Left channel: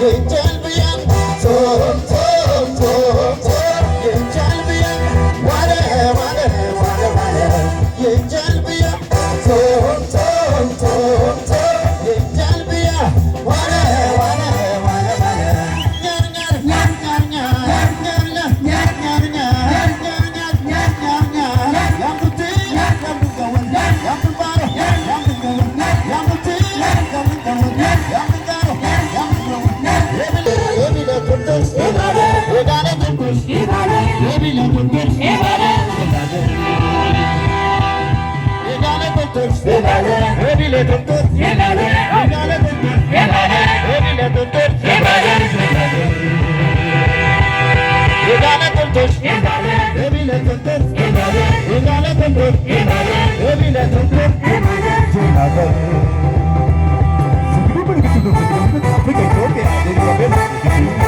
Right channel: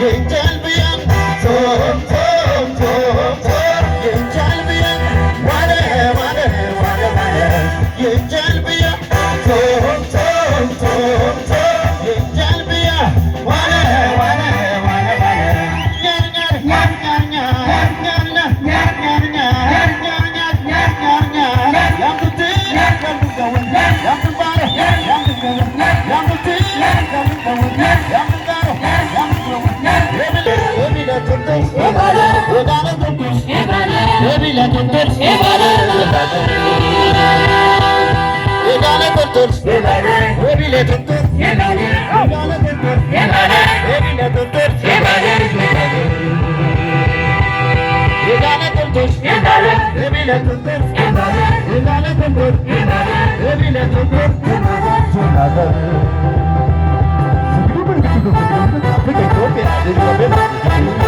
የእንጀልብያን ቶም ቶም ቶም ቶም የእንጀልብያን ዋለ ዋለ ዋለ ዋለ የእንጀልብያን ቶም ቶም ቶም ቶም የእንጀልብያ ዋለ ዋለ ዋለ ዋለ ኛር ኛር ኛር ኛር ኛር ኛር ኛር ኛር ኛር ኛር ኛር ኛር ኛር ኛር ያምት ያምገውን ያምባረ ያምገውን ያምት ያምገውን ያምጋሮ Thank you.